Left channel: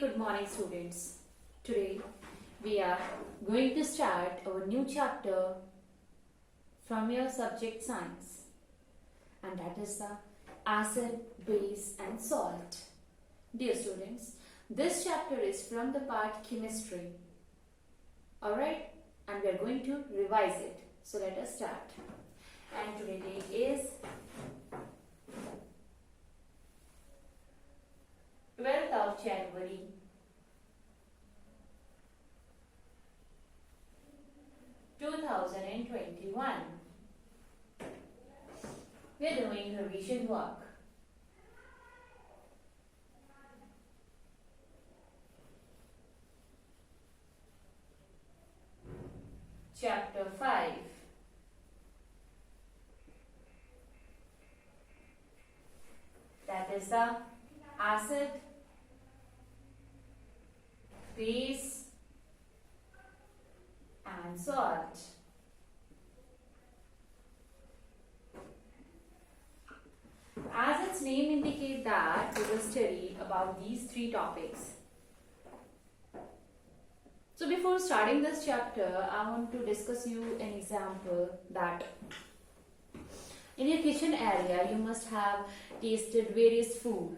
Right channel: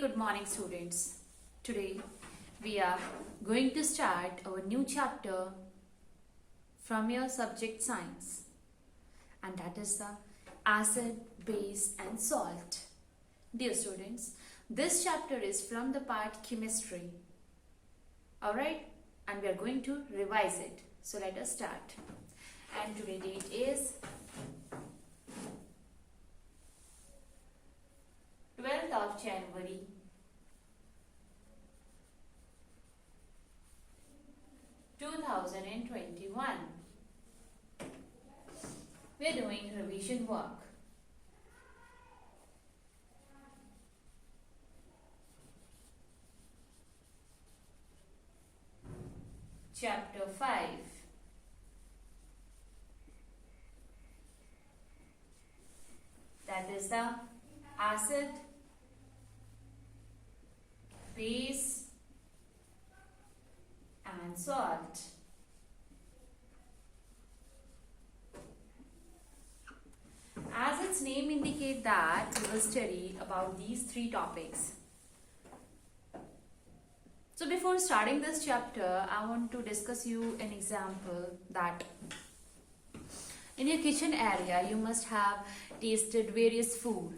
good morning students. Today we are going to start our new chapter from your subject science, and that is the acid, base and salt. Dear students, this chapter is from the part chemistry. Alright, and we are going to revise it. So let us start. And today date is 12th of January 2021. We are doing revision work. Chapter 5. That is the acid, base and salt. As its name indicates that we will study about these three topics. So before starting this chapter, I want to discuss you an example that in your kitchen area you must have tasted various food,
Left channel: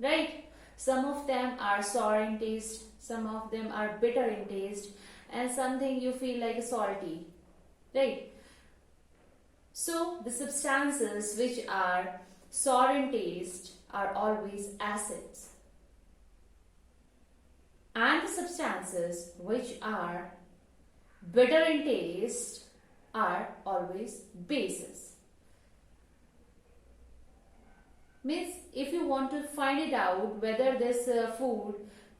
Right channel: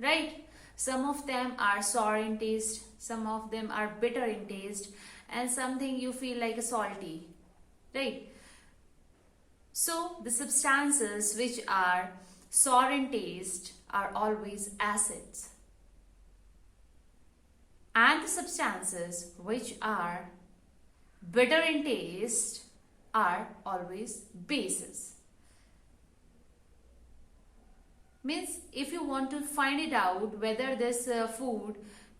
right? Some of them are sour in taste, some of them are bitter in taste, and something you feel like a salty, right? So the substances which are sour in taste are always acids, and the substances which are bitter in taste are always bases. Means if you want to find it out whether this food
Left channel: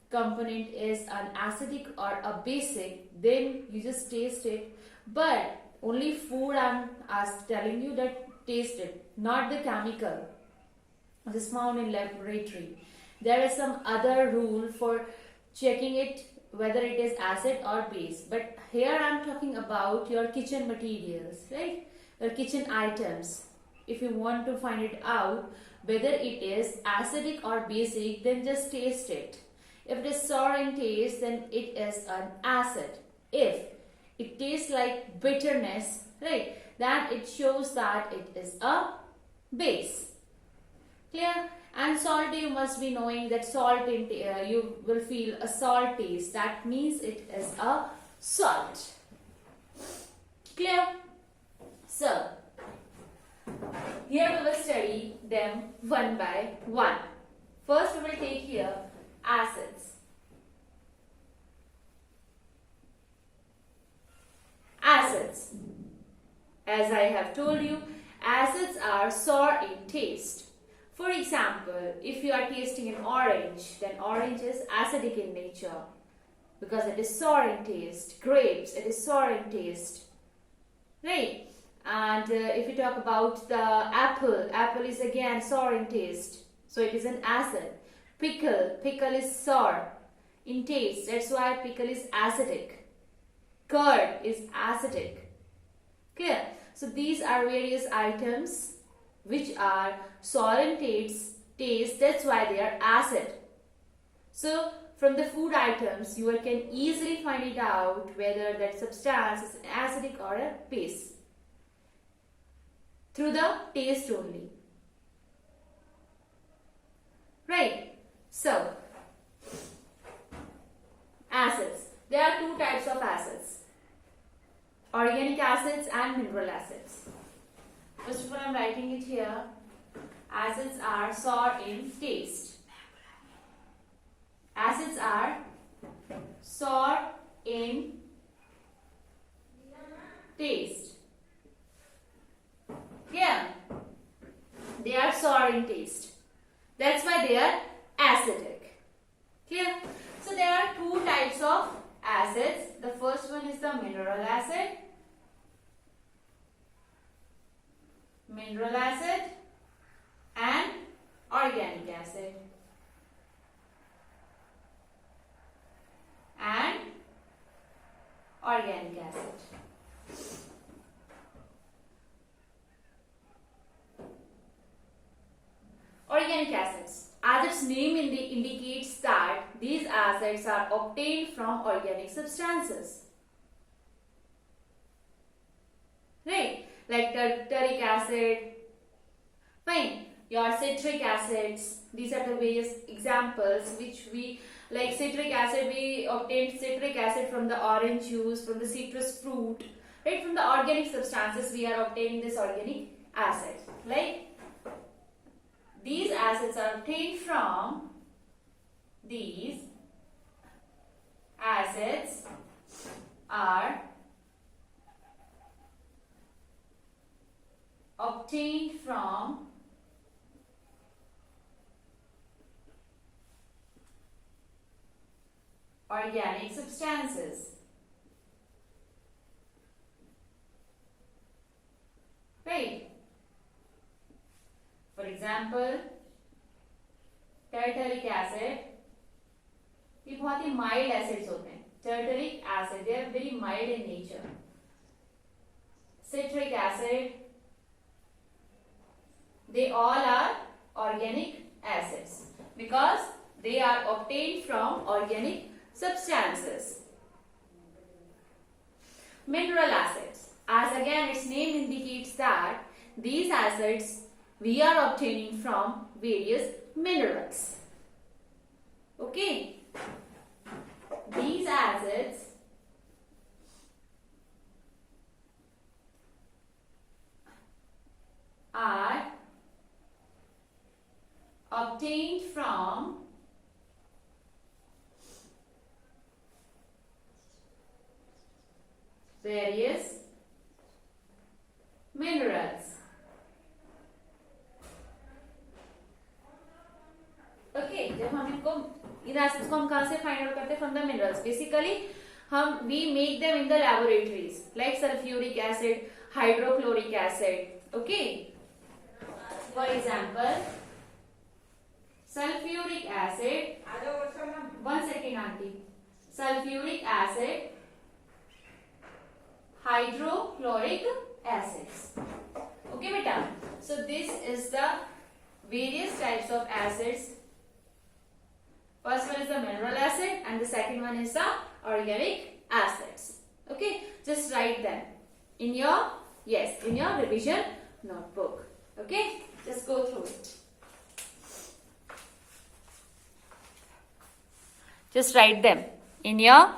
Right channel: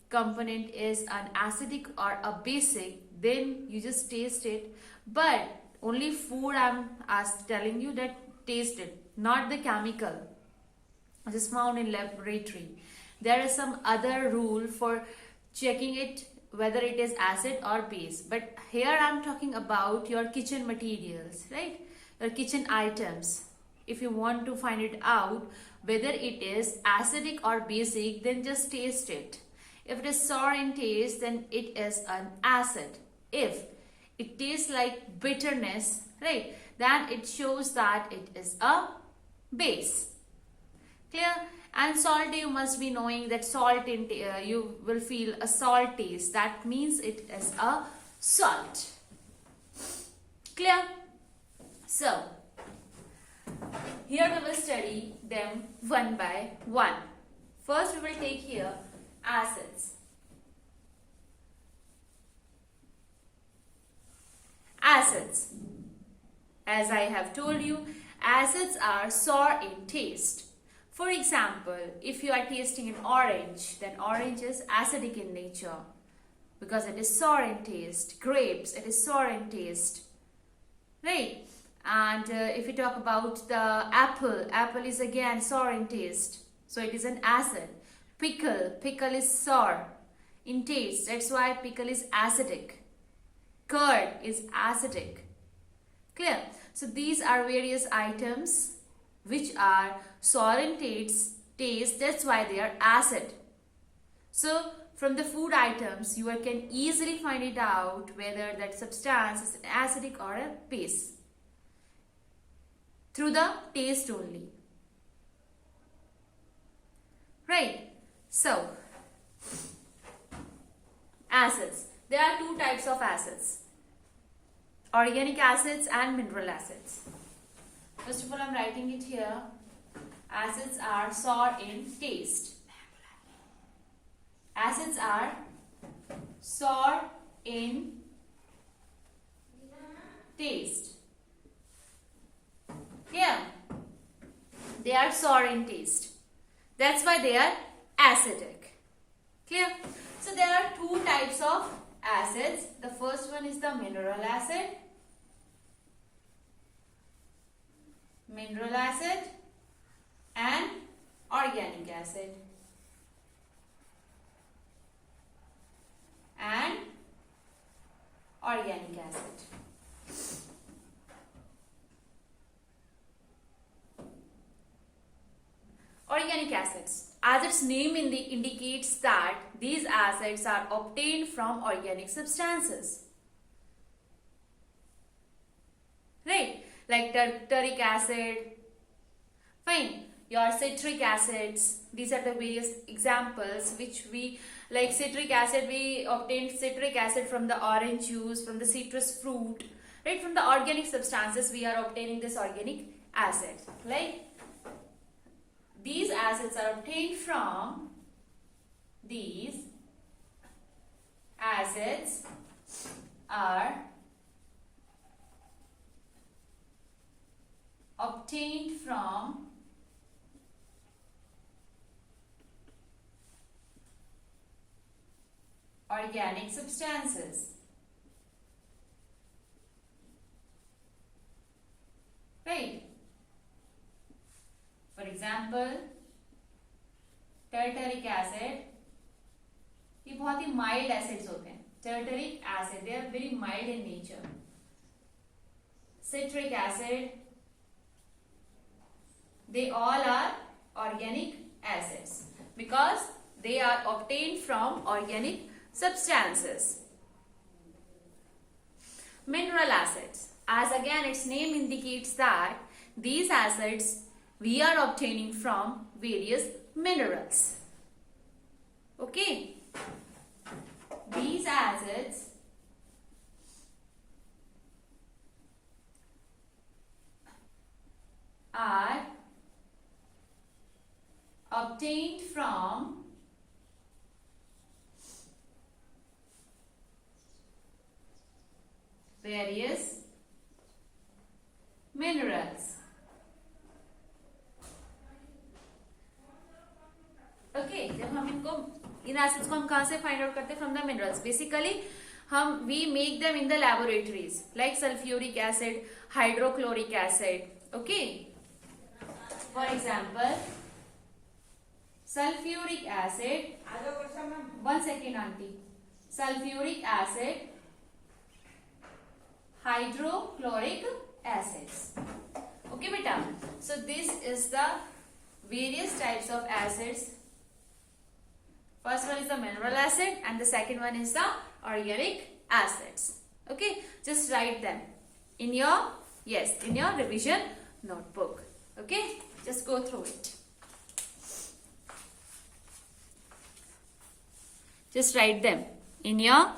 component is an acidic or a basic, then you just taste it. But only food I'm telling you that taste it, not the chemical which is found in laboratory. There is some other rule for checking it whether it is acid or base. But here I'm talking about your kitchen materials, right? Your kitchen items. If you want to find it out whether it is acidic or basic, then just taste it. If it is sour in taste, then it is an acid. If it tastes like bitterness, right, then it shows that it is a base. Clear? And salt, you must be knowing that salt in you will feel a salt taste. That means it is a salt. Clear? So here we will study them one by one. First we will take here acids. Acids. As I have told you, acids are sour in taste. For example, if you are tasting an orange, then orange is acidic in nature because it is sour in taste. Grapes, it is sour in taste. Right? And if we talk about the apple, apple is again sour in taste, so it is an acid. Pickle is sour in taste, that's why pickle is acidic. Curd is acidic. Clear? So these are various items which are sour in taste, that's why they are acid. So from the food items, you can easily find it out whether that substance is an acidic or a base through the taste only. Right? So, acids. There are two types of acids: organic acids and mineral acids. First of all, I'm writing it here. Acids are sour in taste. Acids are sour in taste. Yeah, they are sour in taste. That's why they are acidic. Clear? So there are two types of acids. The first one is the mineral acid. Mineral acid and organic acid. And organic acid. Organic acids. as its name indicates that these acids are obtained from organic substances. Right? Like tartaric acid, fine, your citric acids. These are the various examples which we, like citric acid, we obtained citric acid from the orange juice, from the citrus fruit, right? From the organic substances we are obtaining this organic acid, right? These acids are obtained from these acids are obtained from organic substances. Right? For example, tartaric acid, ये बहुत ही mild acids होते हैं. Tartaric acid, they are very mild in nature. Citric acid, they all are organic acids because they are obtained from organic substances. Mineral acids, as again its name indicates that these acids we are obtaining from various minerals. Okay, these acids are obtained from various minerals. Okay, जब हम इनको इन acids को हम कहाँ से find out करते हैं? From the minerals. Basically हम we make them in the laboratories like sulphuric acid, hydrochloric acid. Okay, for example sulfuric acid, 1 second aunty, sulfuric acid, hydrochloric acids. Okay beta, so this is the various types of acids. First one is the mineral acid and the second one is the organic acids. Okay, just write them in your, yes, in your revision notebook. Okay, just go through it. Just write them in your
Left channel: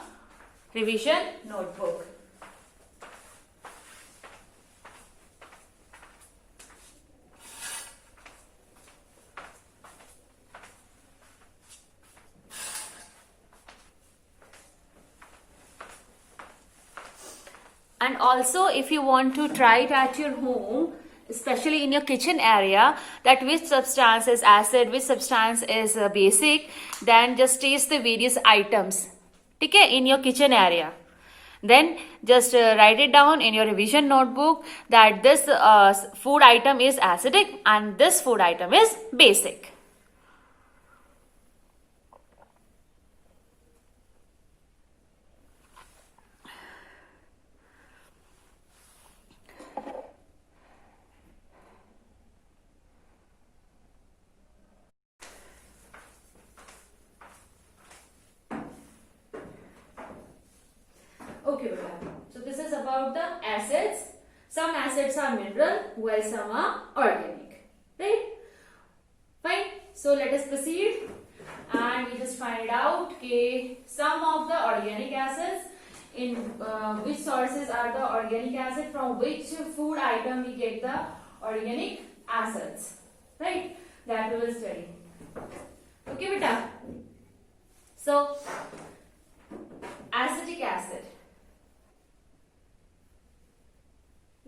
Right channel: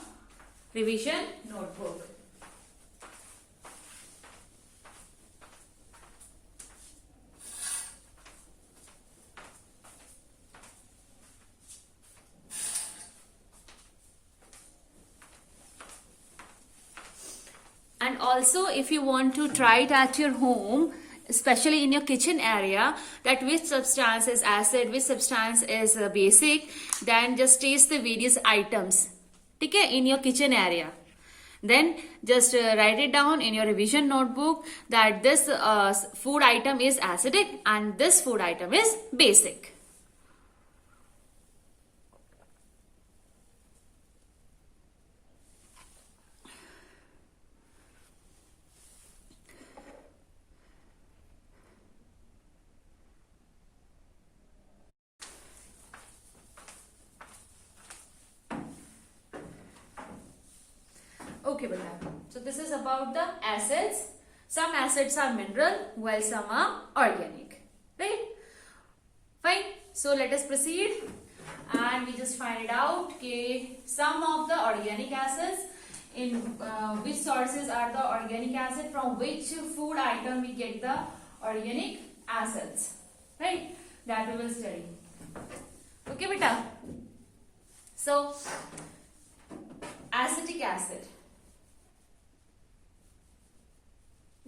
revision notebook. And also if you want to try it at your home, especially in your kitchen area, that which substance is acid, which substance is basic, then just taste the various items, okay, in your kitchen area. Then just write it down in your revision notebook that this food item is acidic and this food item is basic. Okay, so this is about the acids. Some acids are mineral while some are organic, right? Fine. So let us proceed and we just find out okay, some of the organic acids, in which sources are the organic acid, from which food item we get the organic acids, right? That we will study. Okay beta. So acetic acid,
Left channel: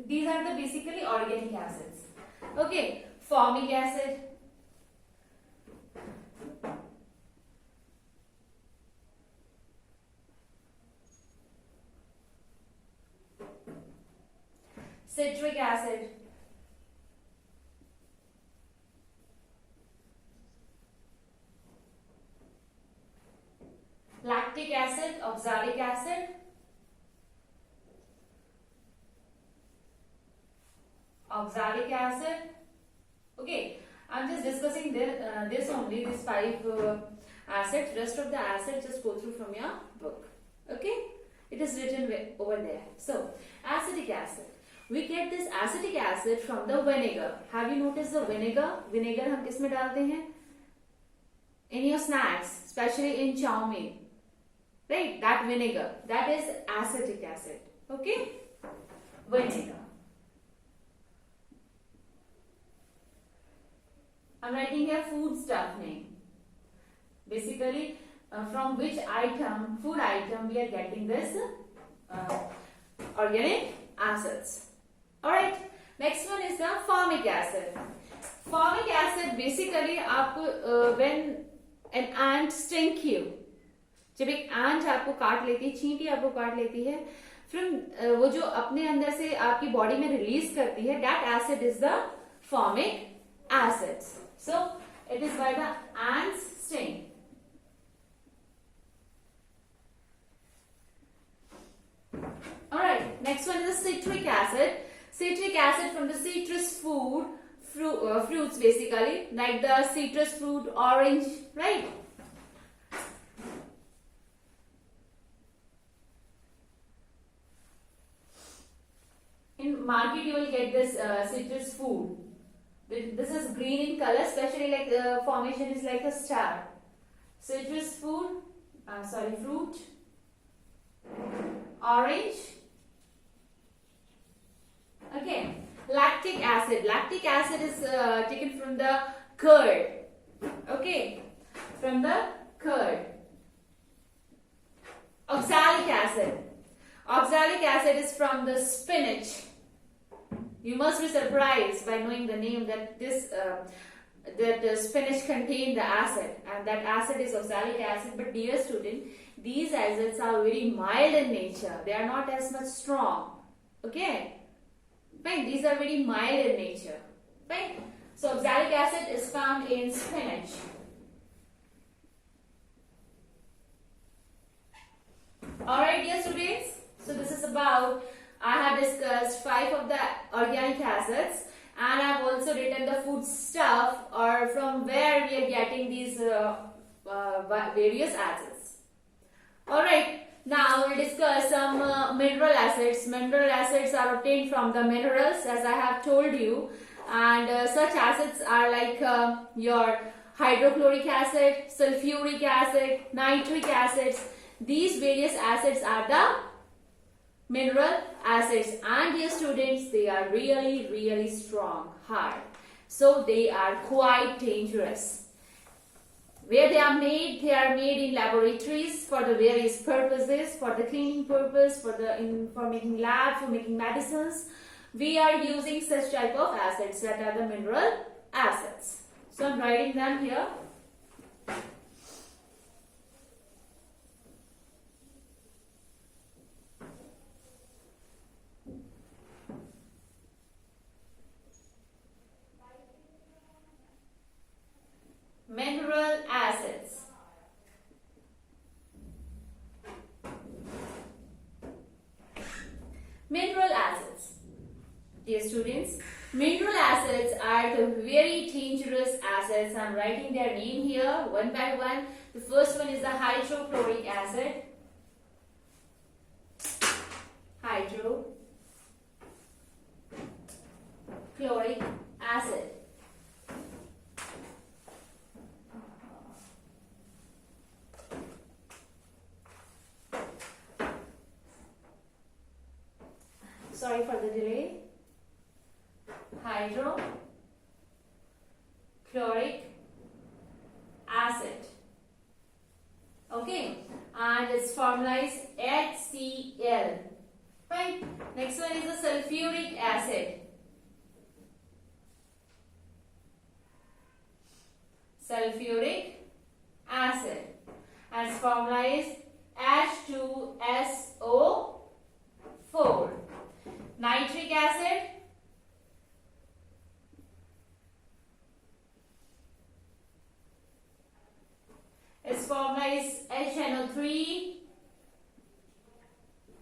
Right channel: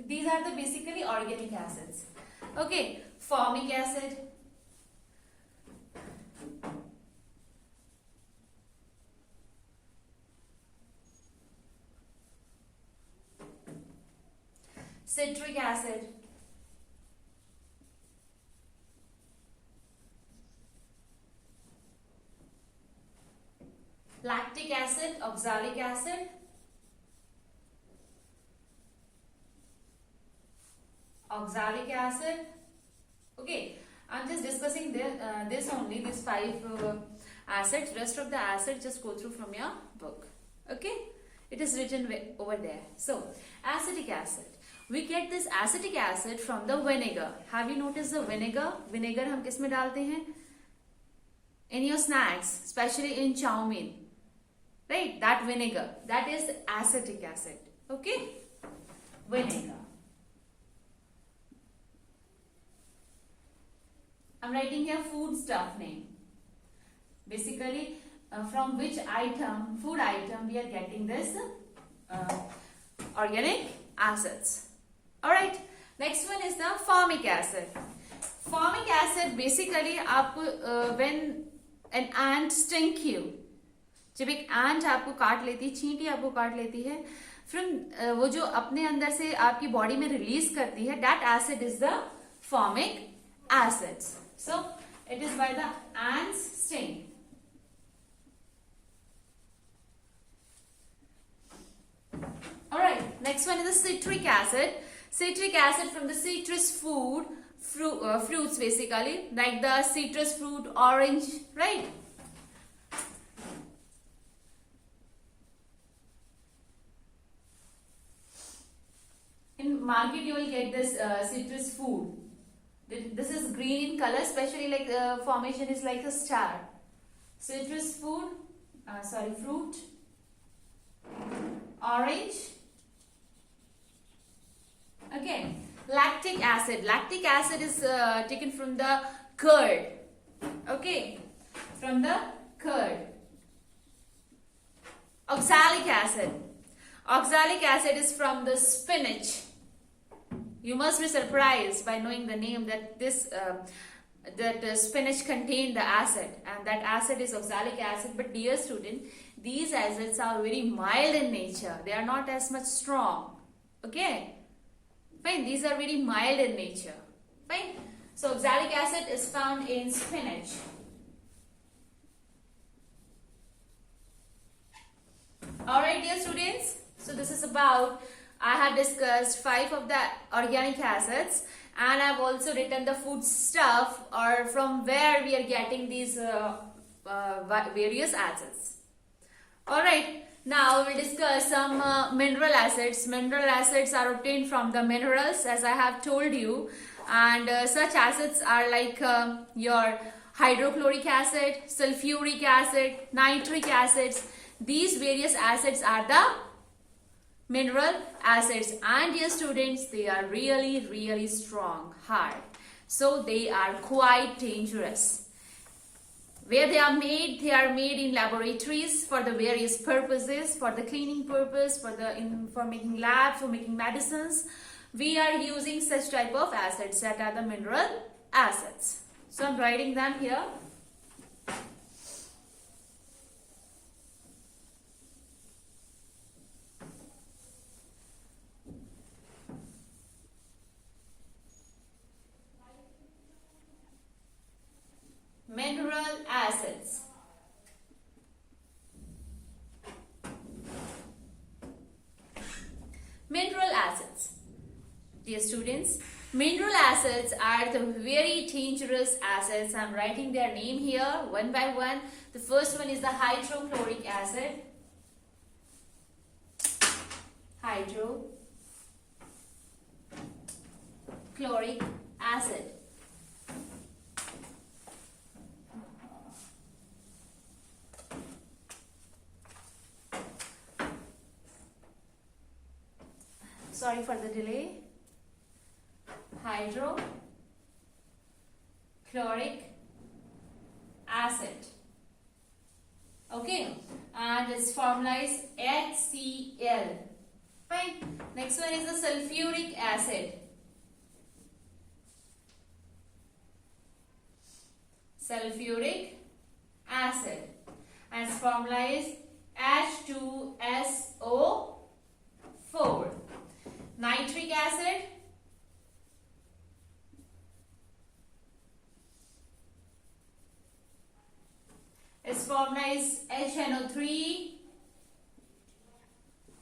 these are the basically organic acids. Okay, formic acid, citric acid, lactic acid, oxalic acid, okay, I'm just discussing this only, these five acids. Rest of the acids just go through from your book. Okay? It is written over there. So, acetic acid. We get this acetic acid from the vinegar. Have you noticed the vinegar? Vinegar हम किस में डालते हैं? In your snacks, especially in chow mein. Right? That vinegar. That is acetic acid. Okay? Vinegar. I'm writing here food stuff name. Basically, from which item, food item, we are getting this organic acids. Alright, next one is the formic acid. Formic acid basically when an ant stings you, जब एक ant आपको काट लेती है, चींटी आपको काट लेती है, from वो जो अपने अंदर से आपकी बॉडी में रिलीज करती है, that acid is the formic acids. So it is by the ant's sting. Alright, next one is the citric acid. Citric acid from the citrus fruits basically, like the citrus fruit, orange, right? In market you will get this citrus food. This is green in color, especially like the formation is like a star. Citrus fruit, orange. Okay, lactic acid. Lactic acid is taken from the curd. Okay, from the curd. Oxalic acid. Oxalic acid is from the spinach. You must be surprised by knowing the name that this spinach contains the acid, and that acid is oxalic acid. But dear student, these acids are very mild in nature. They are not as much strong. Okay, fine. These are very mild in nature. Fine. So oxalic acid is found in spinach. All right, dear students. So this is about. I have discussed 5 of the organic acids, and I have also written the food stuff or from where we are getting these various acids. Alright, now we will discuss some mineral acids. Mineral acids are obtained from the minerals, as I have told you, and such acids are like your hydrochloric acid, sulfuric acid, nitric acids. These various acids are the mineral acids, and dear students, they are really strong, hard, so they are quite dangerous. Where they are made in laboratories for the various purposes, for the cleaning purpose, for making lab, for making medicines. We are using such type of acids that are the mineral acids. So I'm writing them here. Mineral acids. Mineral acids. Dear students, mineral acids are the very dangerous acids. I am writing their name here one by one. The first one is the hydrochloric acid. Hydrochloric acid. Sorry for the delay. Hydrochloric acid. Okay, and its formula is HCl. Fine. Next one is the sulfuric acid. Sulfuric acid. And its formula is H2SO4. Nitric acid. Its formula is HNO3.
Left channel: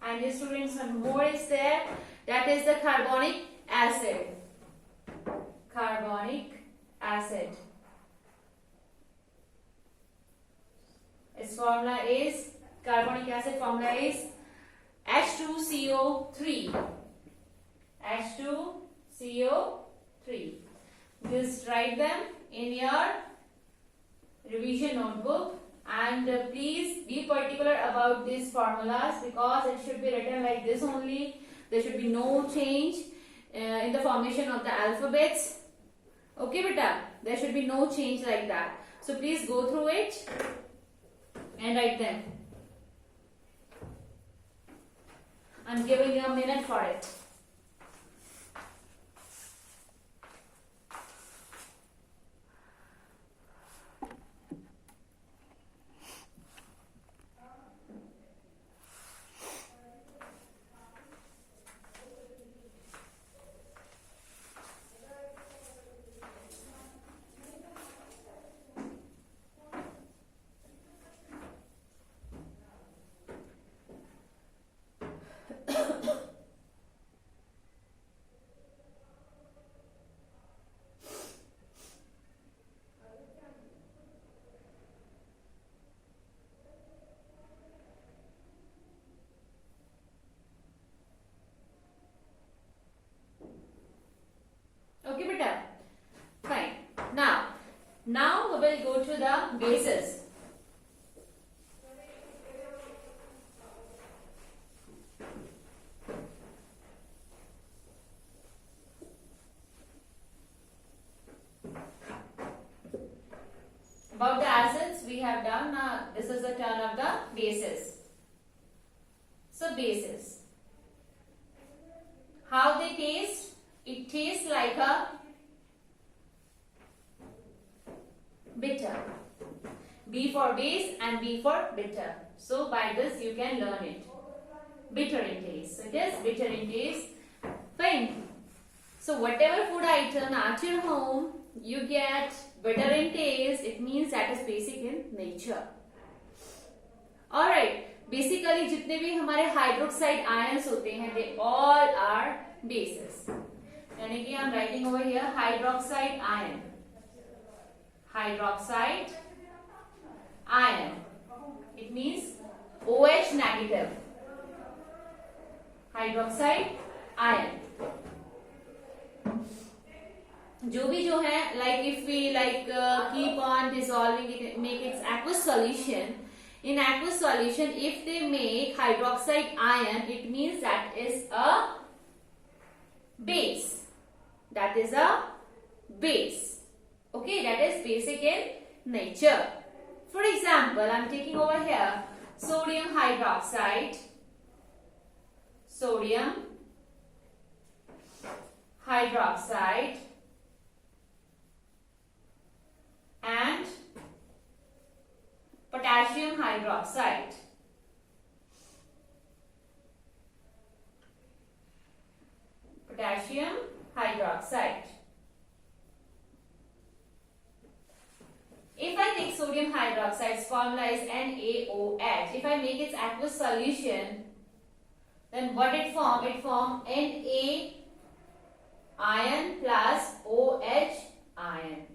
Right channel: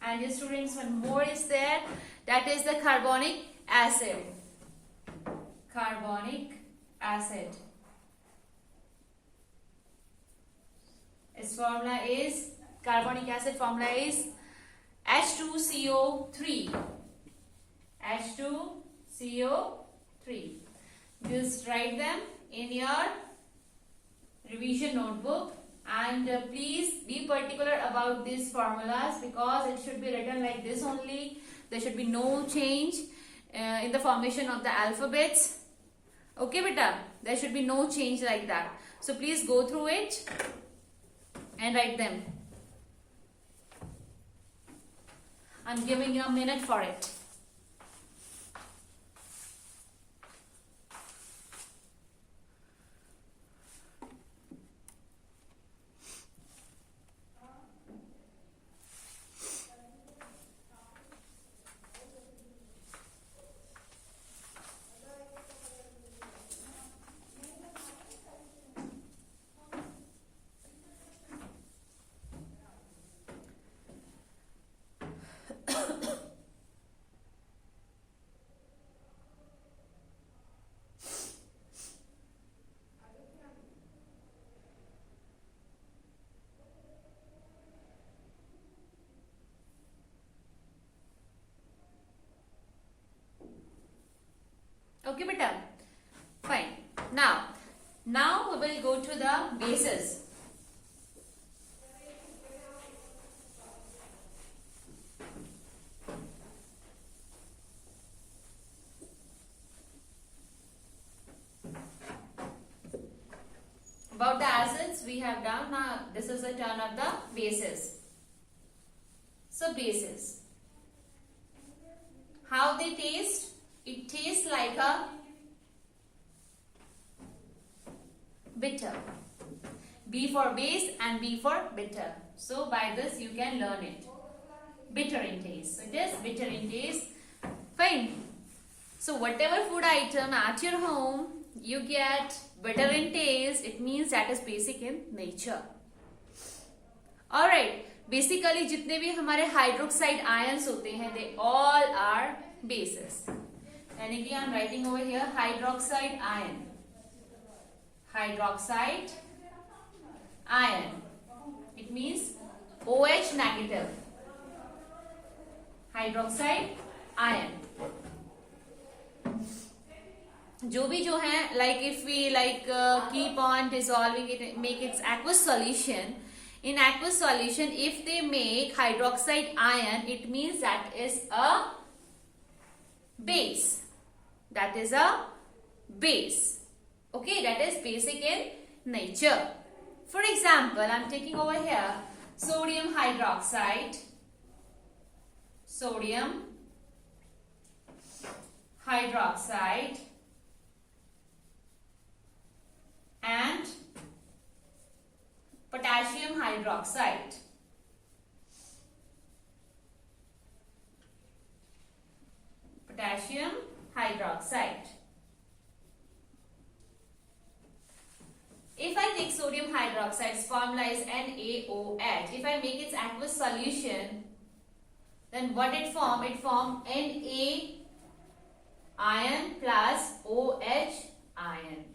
And the students, one more is there. That is the carbonic acid. Carbonic acid. Its formula is, carbonic acid formula is H2CO3. H2CO3. Just write them in your revision notebook, and please be particular about these formulas because it should be written like this only. There should be no change in the formation of the alphabets. Okay beta, there should be no change like that. So please go through it and write them. I'm giving you a minute for it. Okay beta, fine. Now we will go to the bases. About the acids we have done. Now this is the turn of the bases. So bases, how they taste? It tastes like a bitter. B for base and B for bitter. So by this you can learn it. Bitter in taste. It is bitter in taste. Fine. So whatever food item at your home you get bitter in taste, it means that is basic in nature. Alright. Basically जितने भी हमारे hydroxide ions होते हैं, they all are bases. यानी कि I'm writing over here hydroxide ion. Hydroxide ion. It means OH negative. Hydroxide ion. जो है, like if we keep on dissolving it, make its aqueous solution. In aqueous solution, if they make hydroxide ion, it means that is a base. That is a base. Okay, that is basic in nature. For example, I am taking over here sodium hydroxide. Sodium hydroxide and potassium hydroxide. Potassium hydroxide. If I take sodium hydroxide's formula is NaOH. If I make its aqueous solution, then what it form? It form Na ion plus OH ion.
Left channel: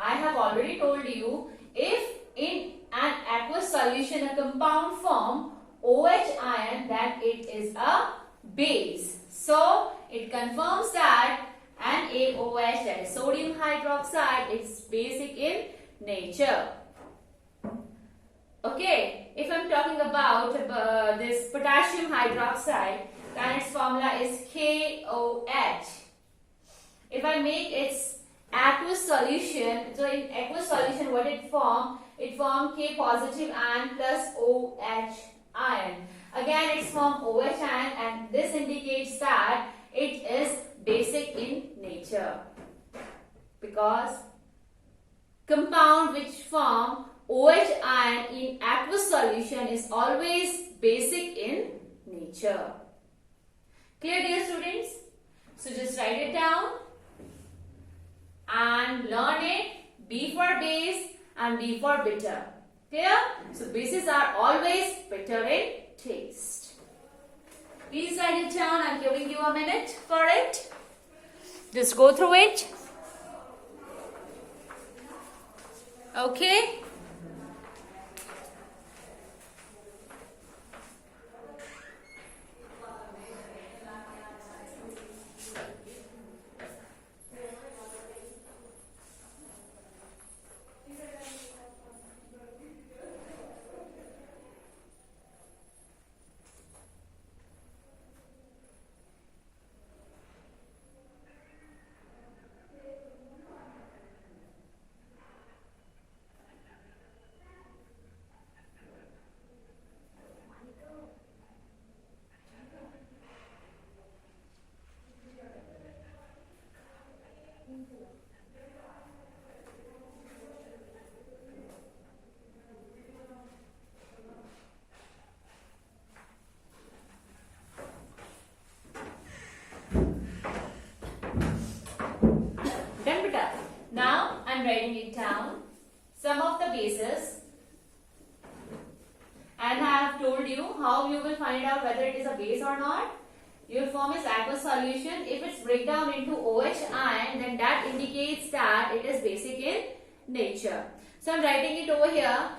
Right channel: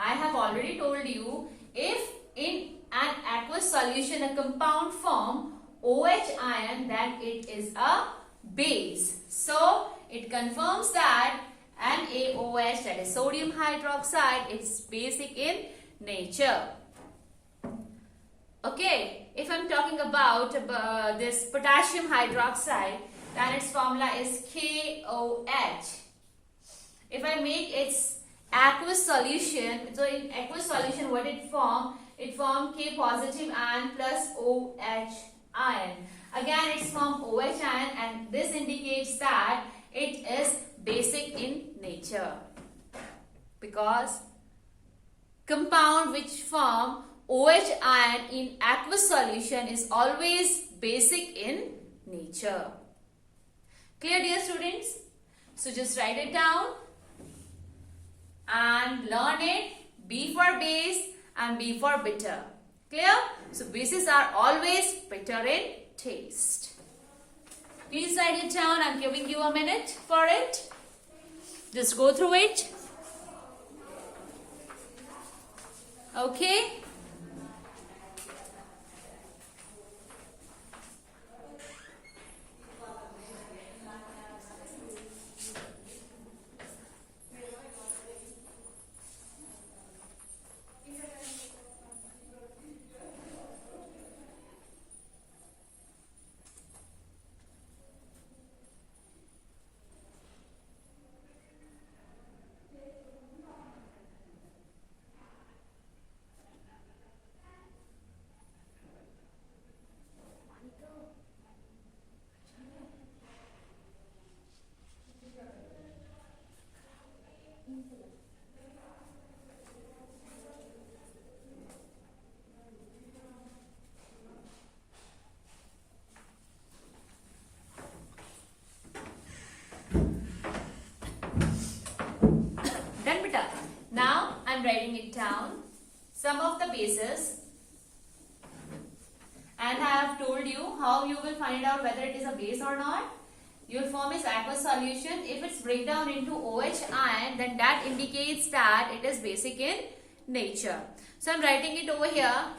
I have already told you, if in an aqueous solution a compound form OH ion, then it is a base. So it confirms that NaOH, that is sodium hydroxide, is basic in nature. Okay, if I am talking about this potassium hydroxide, then its formula is KOH. If I make its aqueous solution, so in aqueous solution what it form? It form K positive ion plus OH ion. Again it's form OH ion, and this indicates that it is basic in nature, because compound which form OH ion in aqueous solution is always basic in nature. Clear, dear students? So just write it down and learn it. B for base and B for bitter. Clear? So bases are always bitter in taste. Please write it down. I'm giving you a minute for it. Just go through it. Okay. Done, beta. Now I'm writing it down. Some of the bases. And I have told you how you will find out whether it is a base or not. Your form is aqueous solution. If it's break down into OH ion, then that indicates that it is basic in nature. So I'm writing it over here.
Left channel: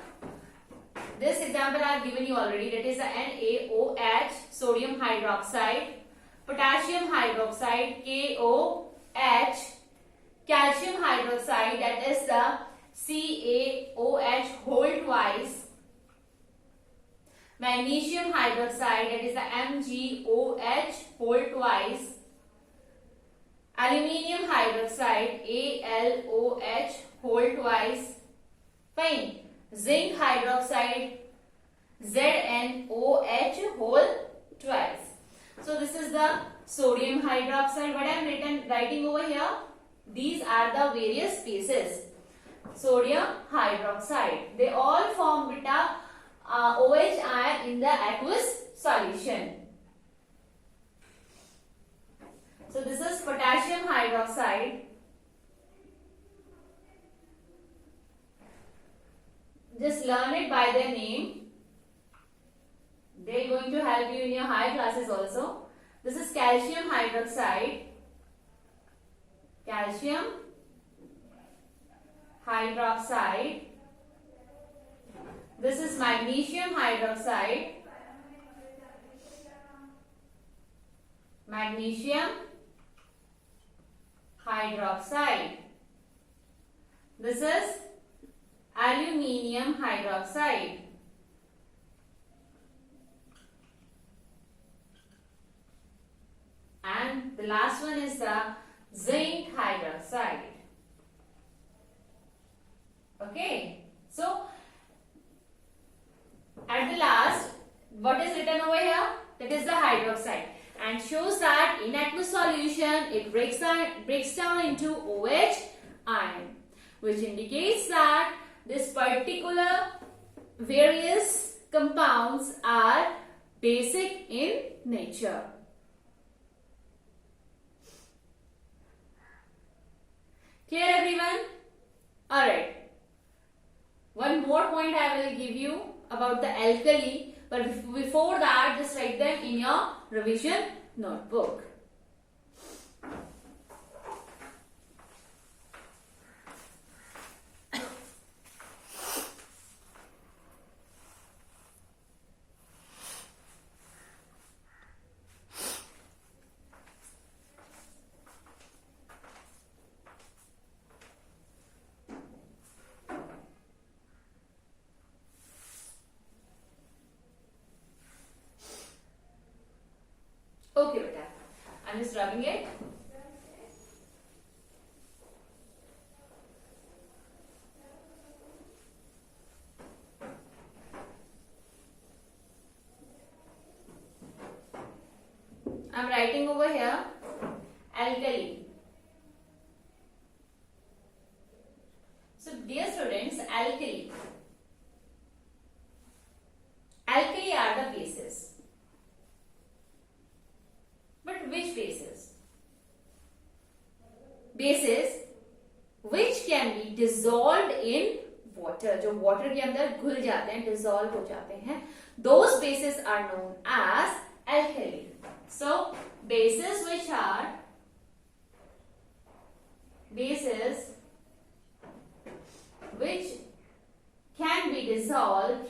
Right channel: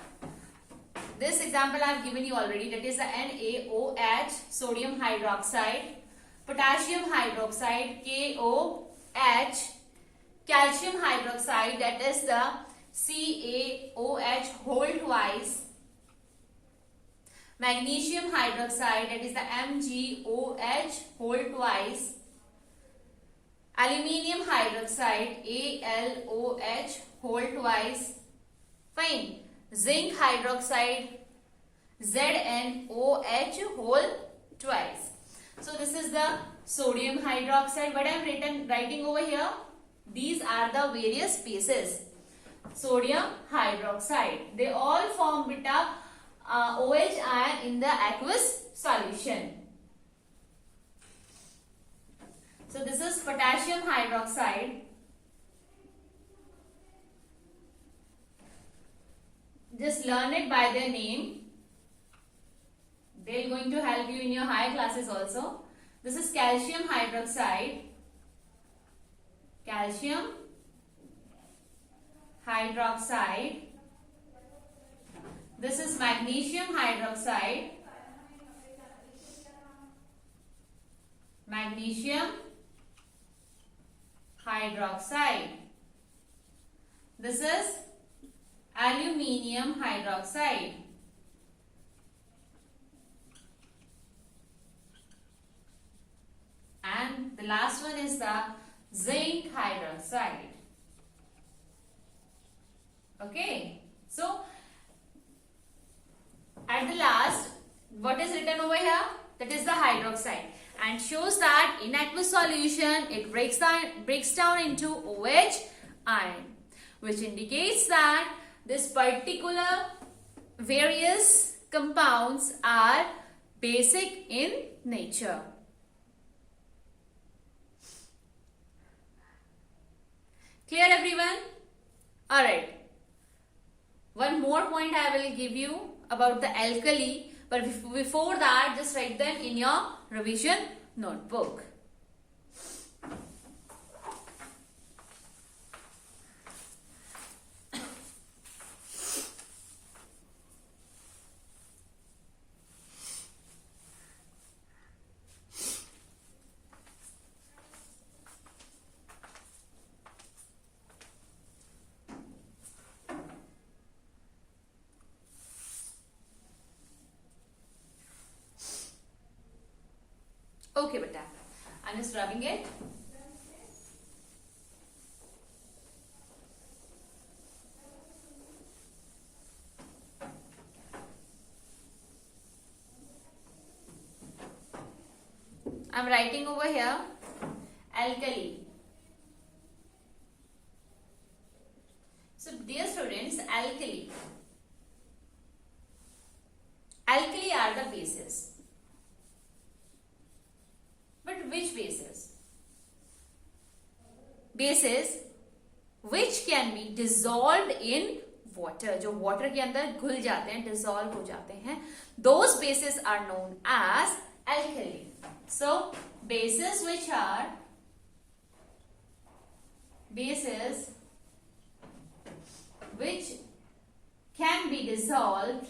This example I have given you already. That is the NaOH, sodium hydroxide, potassium hydroxide, KOH, calcium hydroxide, that is the CaOH whole twice, magnesium hydroxide, that is the MgOH whole twice, aluminium hydroxide, AlOH whole twice, fine, zinc hydroxide, ZnOH whole twice. So this is the sodium hydroxide. What I am writing over here, these are the various bases. Sodium hydroxide, they all form beta OH ion in the aqueous solution. So this is potassium hydroxide. Just learn it by their name. They are going to help you in your higher classes also. This is calcium hydroxide. Calcium hydroxide. This is magnesium hydroxide. Magnesium hydroxide. This is aluminium hydroxide. And the last one is the zinc hydroxide. Okay. So, at the last, what is written over here? That is the hydroxide. And shows that in aqueous solution, it breaks down into OH ion, which indicates that this particular various compounds are basic in nature. Clear, everyone? Alright. One more point I will give you about the alkali, but before that, just write them in your revision notebook. Okay, beta. I'm just rubbing it. I'm writing over here alkali. So, dear students, alkali. Alkali are the bases. But which bases? Bases which can be dissolved in water. जो water के अंदर घुल जाते हैं, dissolve हो जाते हैं. Those bases are known as alkali. So, bases which dissolved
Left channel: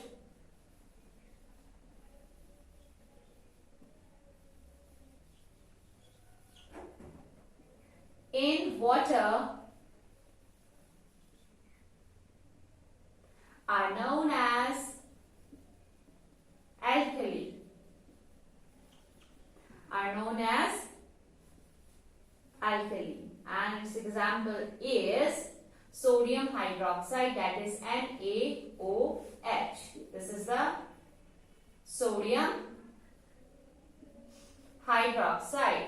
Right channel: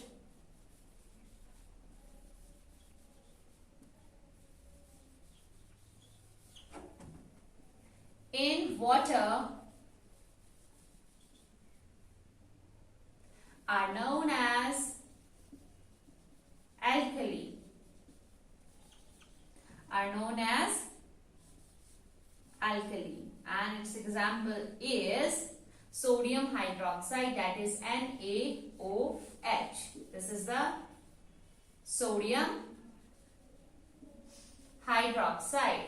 in water are known as alkali. And its example is sodium hydroxide, that is NaOH. This is the sodium hydroxide.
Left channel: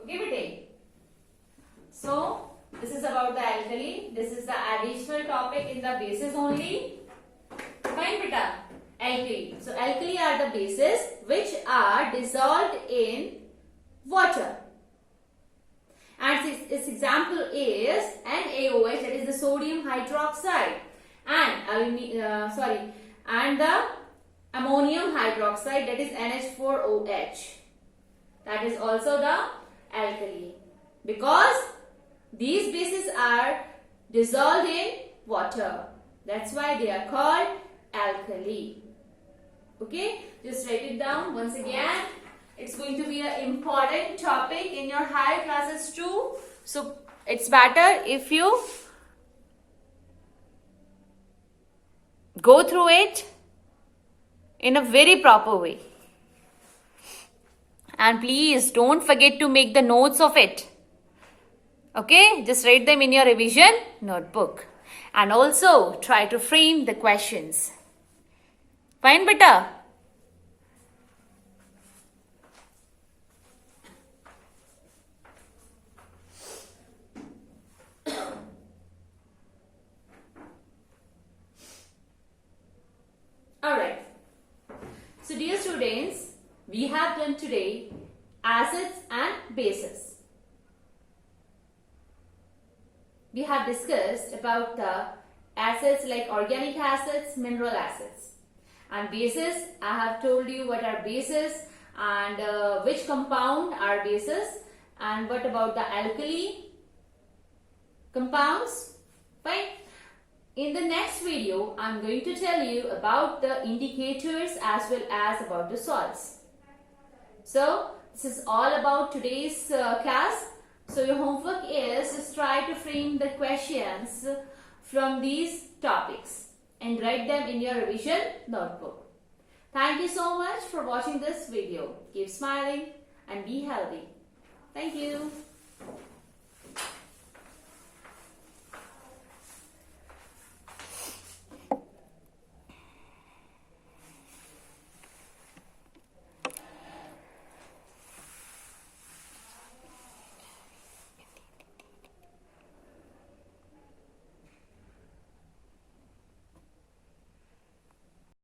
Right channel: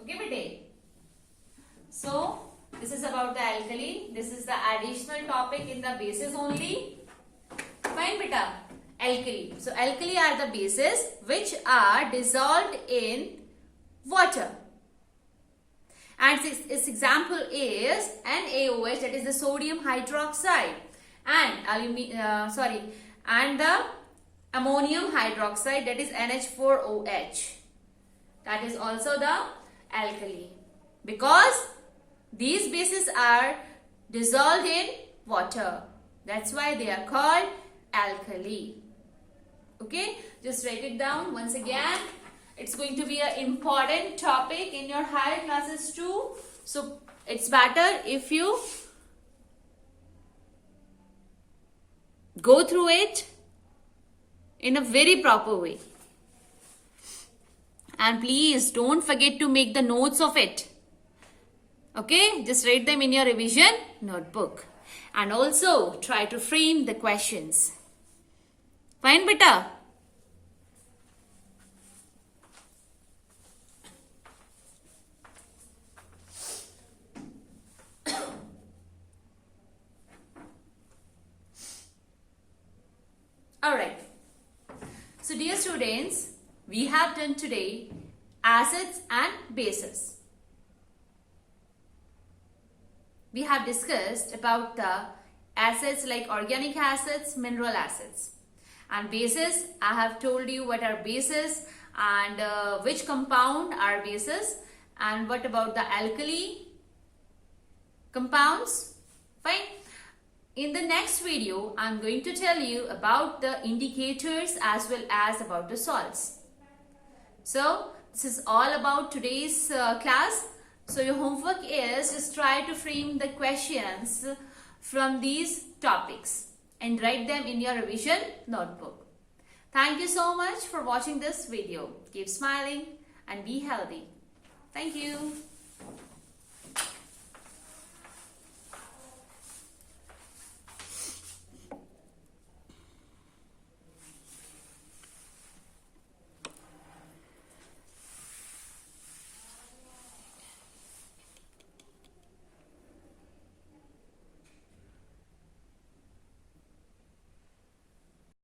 Okay, bete. So this is about the alkali. This is the additional topic in the bases only. Fine, beta. Alkali. So alkali are the bases which are dissolved in water. And its example is NaOH, that is the sodium hydroxide, and the ammonium hydroxide, that is NH4OH. That is also the alkali, because these bases are dissolved in water. That's why they are called alkali. Okay, just write it down once again. It's going to be an important topic in your higher classes too. So it's better if you go through it in a very proper way. And please don't forget to make the notes of it. Okay, just write them in your revision notebook. And also try to frame the questions. Fine, beta? Alright. So dear students, we have done today acids and bases. We have discussed about the acids like organic acids, mineral acids. And bases, I have told you what are bases and which compound are bases, and what about the alkali compounds. Fine. In the next video, I am going to tell you about the indicators as well as about the salts. So this is all about today's class. So your homework is just try to frame the questions from these topics and write them in your revision notebook. Thank you so much for watching this video. Keep smiling and be healthy. Thank you.